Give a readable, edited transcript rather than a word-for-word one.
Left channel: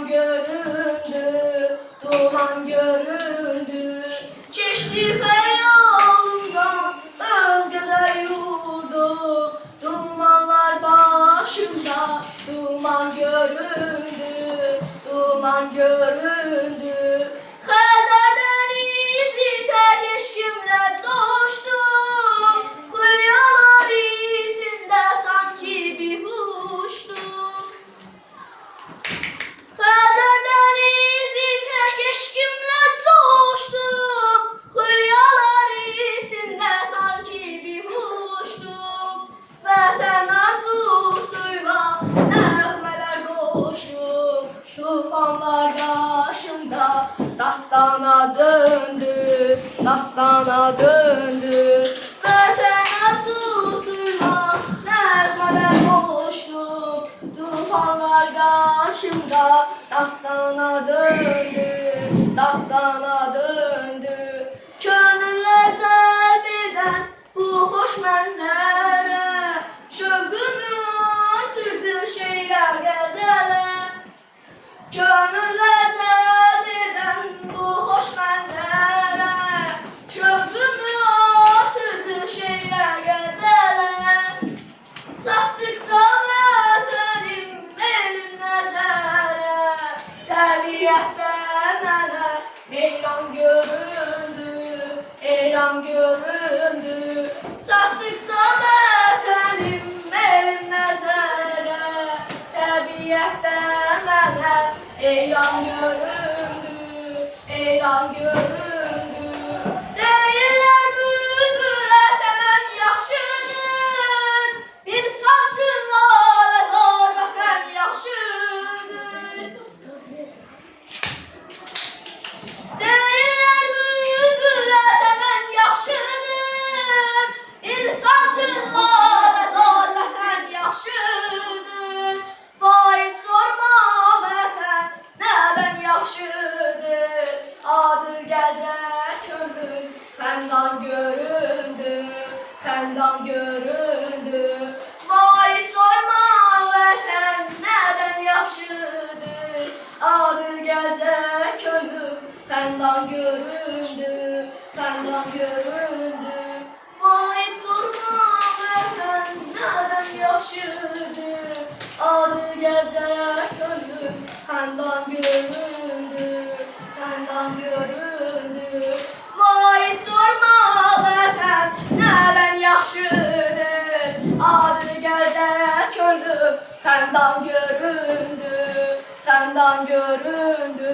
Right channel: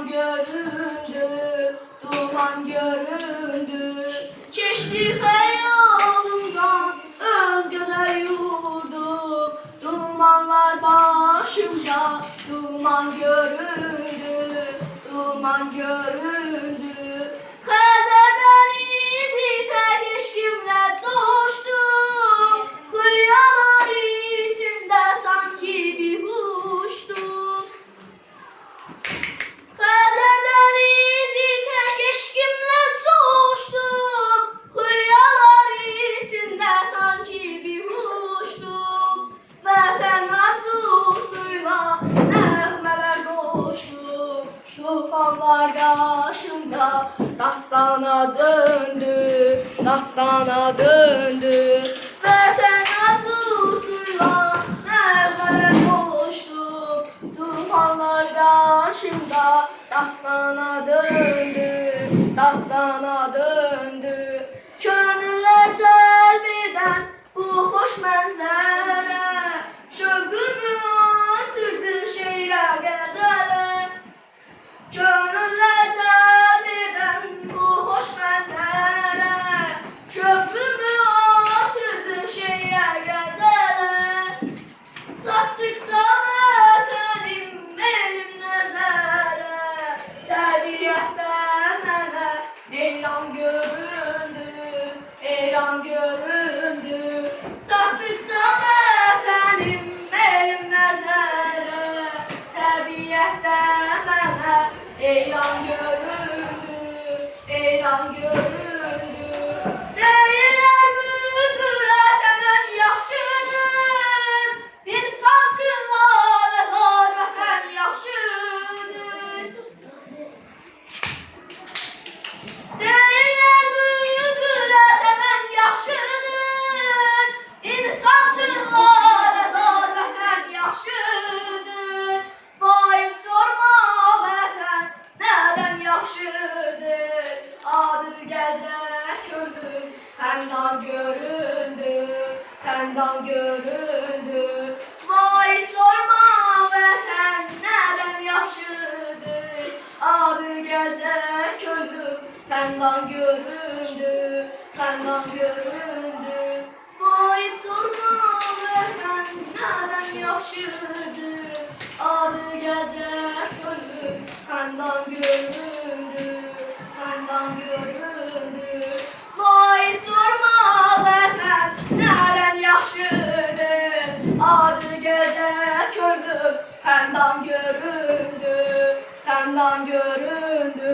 duman göründü, duman göründü. Keçdi xəyalımdan öz gözəl yurdum, dumanlar başımda, duman göründü, duman göründü. Xəzər dənizi tək eşqimlə coşdum, xülyalar içində sanki bir huşdum. Xəzər dənizi tək eşqimlə coşdum, xülyalar içində sanki bir huşdum. Vətən arzusuyla nəğmələr qoşdum, tufanlar qarşımda dastana döndü, dastana döndü. Vətən arzusuyla nəğmələr qoşdum, tufanlar qarşımda dastana döndü, dastana döndü. Könüllər cəlb edən bu xoş mənzərə şövqümü artırdı şeirə, qəzələ. Könüllər cəlb edən bu xoş mənzərə şövqümü artırdı şeirə, qəzələ. Çatdıqca vətənim elim nəzərə, təbiətdə mənə eyran göründü, eyran göründü. Çatdıqca vətənim elim nəzərə, təbiətdə mənə eyran göründü, eyran göründü. Deyirlər bülbülə çəmən yaxşıdır, bir saçın lalə zar vətən yaxşıdır. Deyirlər bülbülə çəmən yaxşıdır, insan üçün lalə zar vətən yaxşıdır. Vay sorma vətən nədən yaxşıdır, adı gəcə könlüm xəndan göründü, xəndan göründü. Vay sorma vətən nədən yaxşıdır, adı gecə könlüm xəndan göründü, xəndan göründü. Vay sorma vətən nədən yaxşıdır, adı gecə könlüm xəndan göründü, xəndan göründü. Vay sorma vətən nədən yaxşıdır, adı gecə könlüm xəndan göründü, xəndan göründü.